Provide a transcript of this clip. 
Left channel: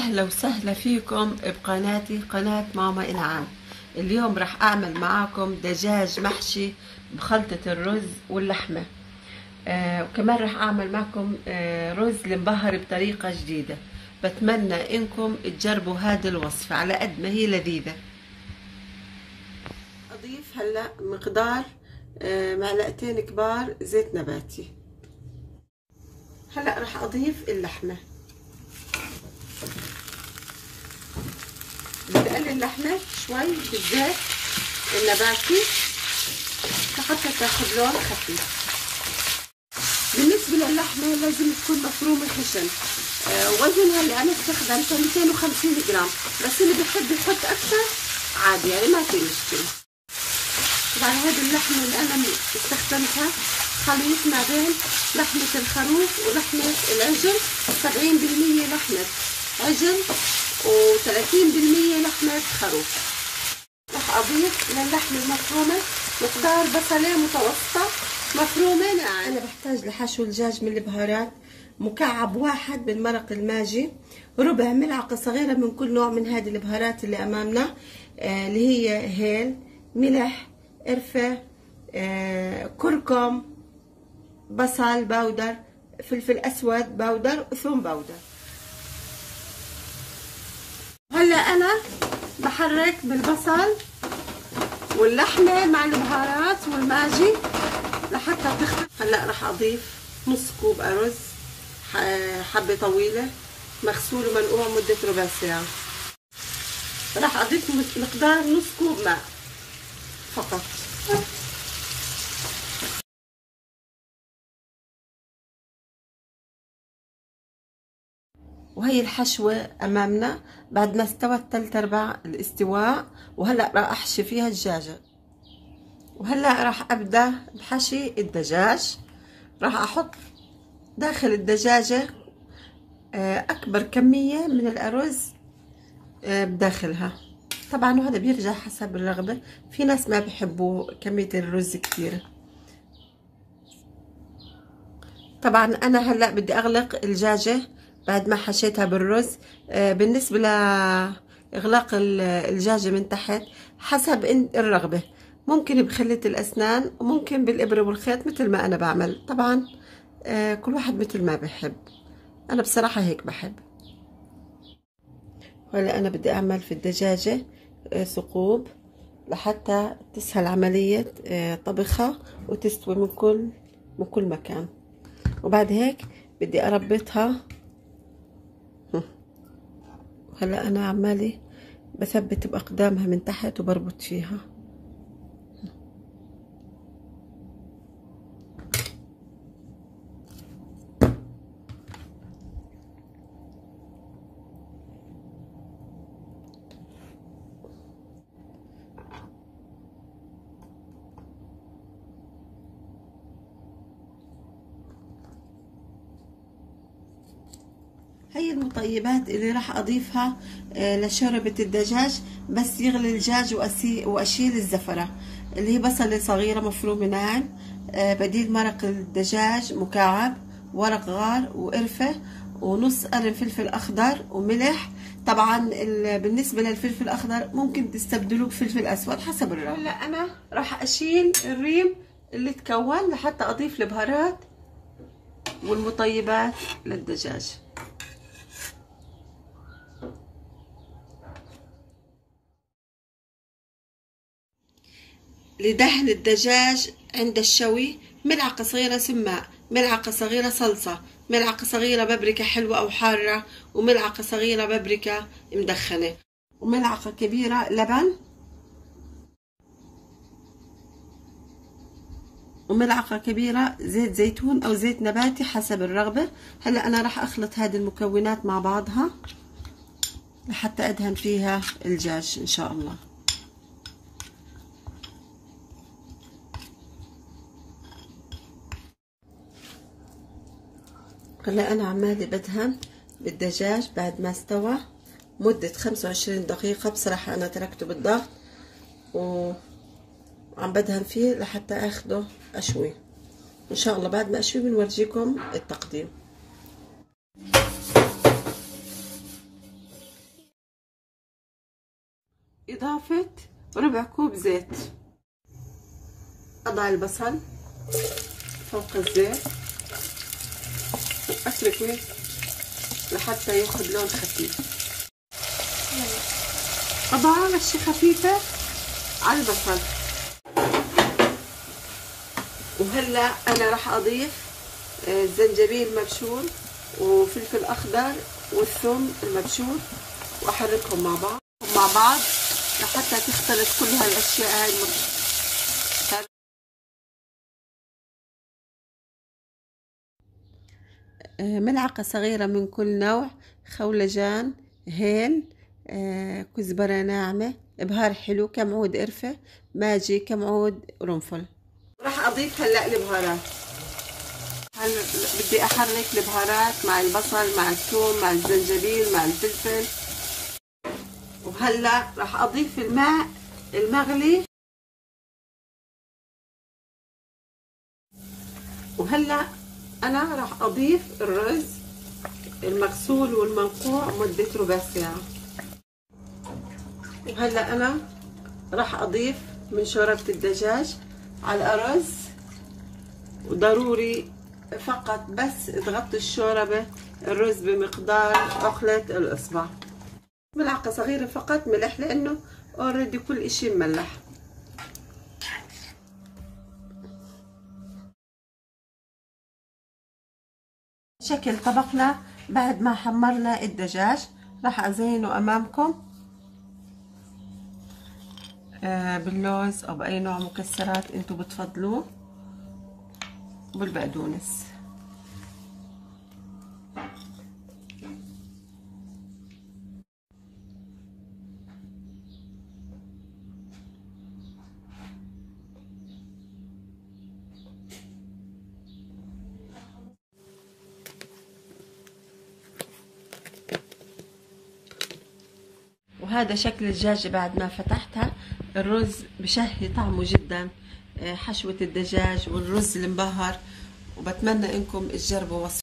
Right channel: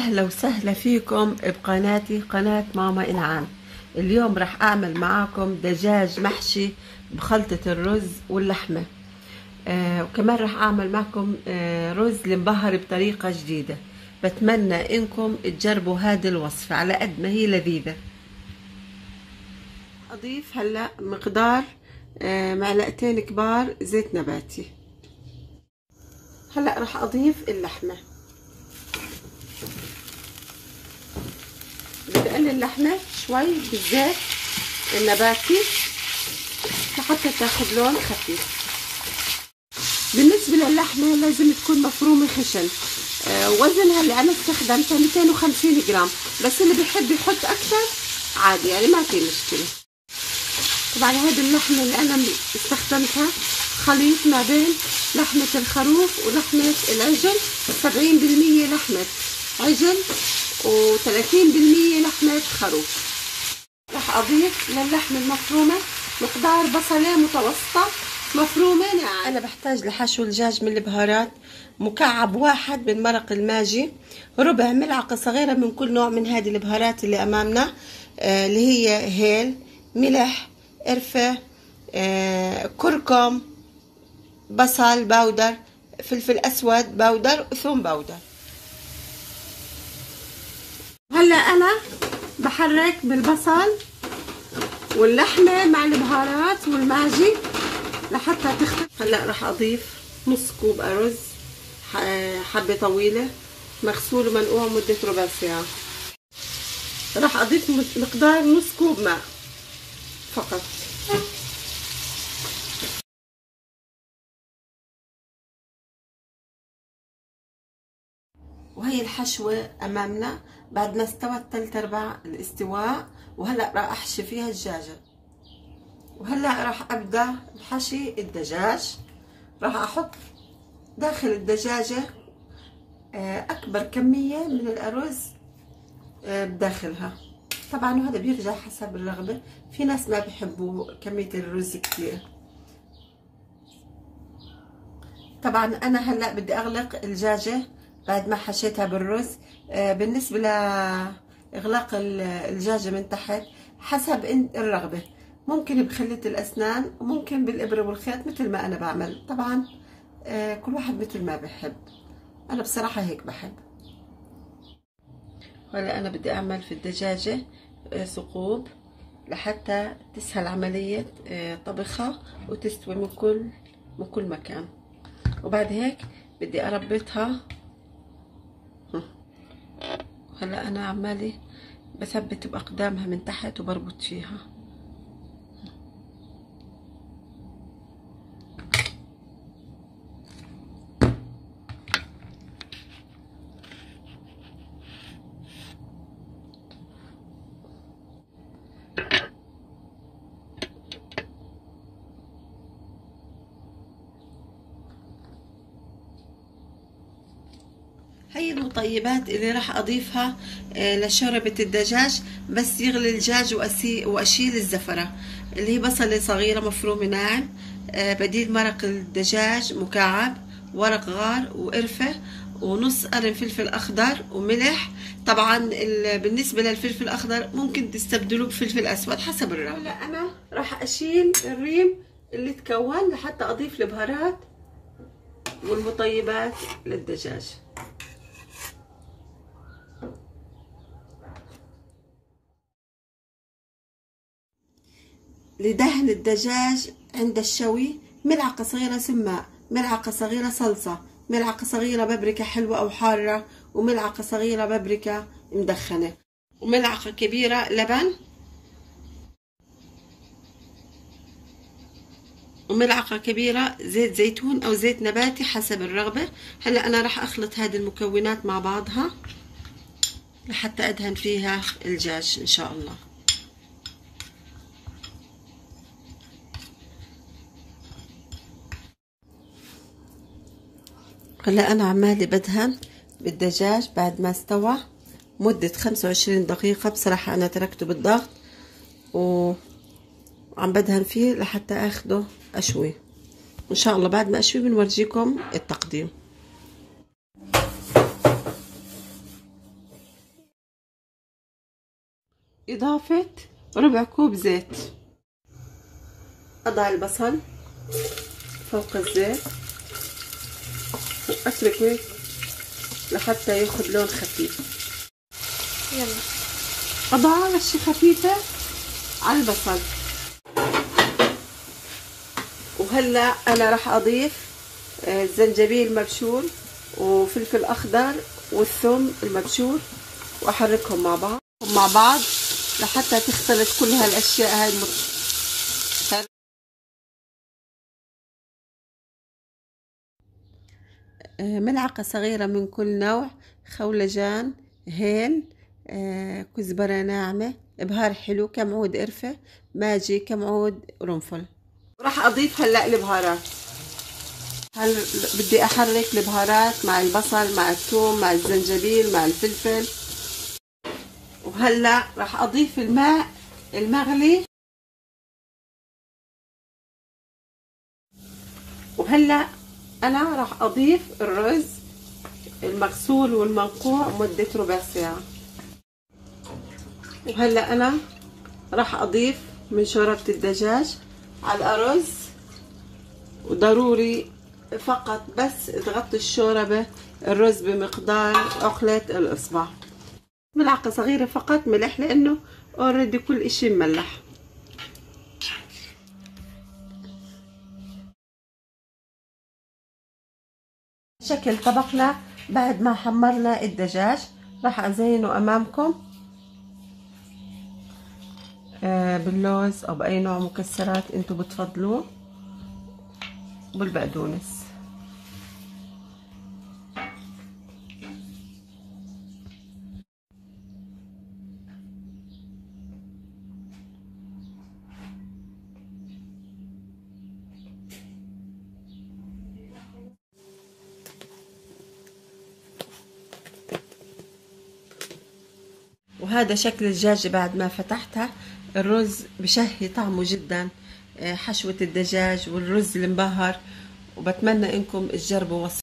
أهلا وسهلا فيكم بقناتي قناة ماما إنعام. اليوم راح أعمل معاكم دجاج محشي بخلطة الرز واللحمة. وكمان راح أعمل معكم رز المبهر بطريقة جديدة. بتمنى إنكم تجربوا هذه الوصفة على قد ما هي لذيذة. أضيف هلأ مقدار معلقتين كبار زيت نباتي. هلأ راح أضيف اللحمة. بدي اقلل اللحمه شوي بالزيت النباتي لحتى تاخذ لون خفيف. بالنسبه للحمه لازم تكون مفرومه خشن. وزنها اللي انا استخدمته 250 جرام، بس اللي بيحب يحط اكثر عادي، يعني ما في مشكله. طبعا هذه اللحمه اللي انا استخدمتها خليط ما بين لحمه الخروف ولحمه العجل، 70% لحمه عجل و30% لحمة خروف. راح أضيف للحمة المفرومة مقدار بصلة متوسطة مفرومة ناعمة. أنا بحتاج لحشو الدجاج من البهارات مكعب واحد من مرق الماجي، ربع ملعقة صغيرة من كل نوع من هذه البهارات اللي أمامنا، اللي هي هيل، ملح، قرفة، كركم، بصل باودر، فلفل أسود باودر، وثوم باودر. هلا انا بحرك بالبصل واللحمه مع البهارات والماجي لحتى تختفي. هلا راح اضيف نص كوب ارز حبه طويله مغسول ومنقوع مده ربع ساعه. راح اضيف مقدار نص كوب ماء فقط. وهي الحشوة أمامنا بعد ما استوت 3/4 الاستواء. وهلأ راح أحشي فيها الدجاجة. وهلأ راح أبدأ بحشي الدجاج. راح أحط داخل الدجاجة أكبر كمية من الأرز بداخلها. طبعا وهذا بيرجع حسب الرغبة، في ناس ما بيحبوا كمية الرز كثير. طبعا أنا هلأ بدي أغلق الدجاجة بعد ما حشيتها بالرز. بالنسبة لإغلاق الدجاجة من تحت حسب الرغبة، ممكن بخلة الأسنان وممكن بالإبرة والخيط مثل ما أنا بعمل. طبعا كل واحد مثل ما بحب، أنا بصراحة هيك بحب. هلا أنا بدي أعمل في الدجاجة ثقوب لحتى تسهل عملية طبخها وتستوي من كل مكان. وبعد هيك بدي أربطها. هلا انا عمالي بثبت باقدامها من تحت وبربط فيها. هي المطيبات اللي راح اضيفها لشوربة الدجاج. بس يغلي الدجاج واشيل الزفرة، اللي هي بصلة صغيرة مفرومة ناعم، بديل مرق الدجاج مكعب، ورق غار وقرفة، ونص قرن فلفل اخضر وملح. طبعا بالنسبة للفلفل الاخضر ممكن تستبدلوه بفلفل اسود حسب الرغبة. هلا انا راح اشيل الريم اللي تكون لحتى اضيف البهارات والمطيبات للدجاج. لدهن الدجاج عند الشوي ملعقة صغيرة سماق، ملعقة صغيرة صلصة، ملعقة صغيرة بابريكا حلوة أو حارة، وملعقة صغيرة بابريكا مدخنة، وملعقة كبيرة لبن، وملعقة كبيرة زيت زيتون أو زيت نباتي حسب الرغبة. هلأ أنا راح أخلط هذه المكونات مع بعضها لحتى أدهن فيها الدجاج إن شاء الله. هلا أنا عمالي بدهن بالدجاج بعد ما استوى مدة 25 دقيقة. بصراحة أنا تركته بالضغط وعم بدهن فيه لحتى أخده أشوي. إن شاء الله بعد ما أشوي بنورجيكم التقديم. إضافة ربع كوب زيت. أضع البصل فوق الزيت وأتركه لحتى ياخد لون خفيف. أضع رشة خفيفة على البصل. وهلا أنا راح أضيف زنجبيل مبشور وفلفل أخضر والثوم المبشور وأحركهم مع بعض لحتى تختلط كل هالأشياء هاي ملعقة صغيرة من كل نوع خولجان، هيل، كزبرة ناعمة، إبهار حلو، كم عود قرفة، ماجي، كم عود قرنفل. راح أضيف هلأ البهارات. بدي أحرك البهارات مع البصل مع الثوم مع الزنجبيل مع الفلفل. وهلأ راح أضيف الماء المغلي. وهلأ أنا راح أضيف الرز المغسول والمنقوع مدة ربع ساعة. وهلأ أنا راح أضيف من شوربة الدجاج على الأرز، وضروري فقط بس تغطي الشوربة الرز بمقدار عقلة الإصبع. ملعقة صغيرة فقط ملح لأنه اوريدي كل إشي مملح. شكل طبقنا بعد ما حمرنا الدجاج. راح أزينه أمامكم باللوز أو بأي نوع مكسرات انتو بتفضلوه، بالبقدونس. وهذا شكل الدجاجة بعد ما فتحتها. الرز بشهي طعمه جدا، حشوة الدجاج والرز المبهر، وبتمنى انكم تجربوا وصفة.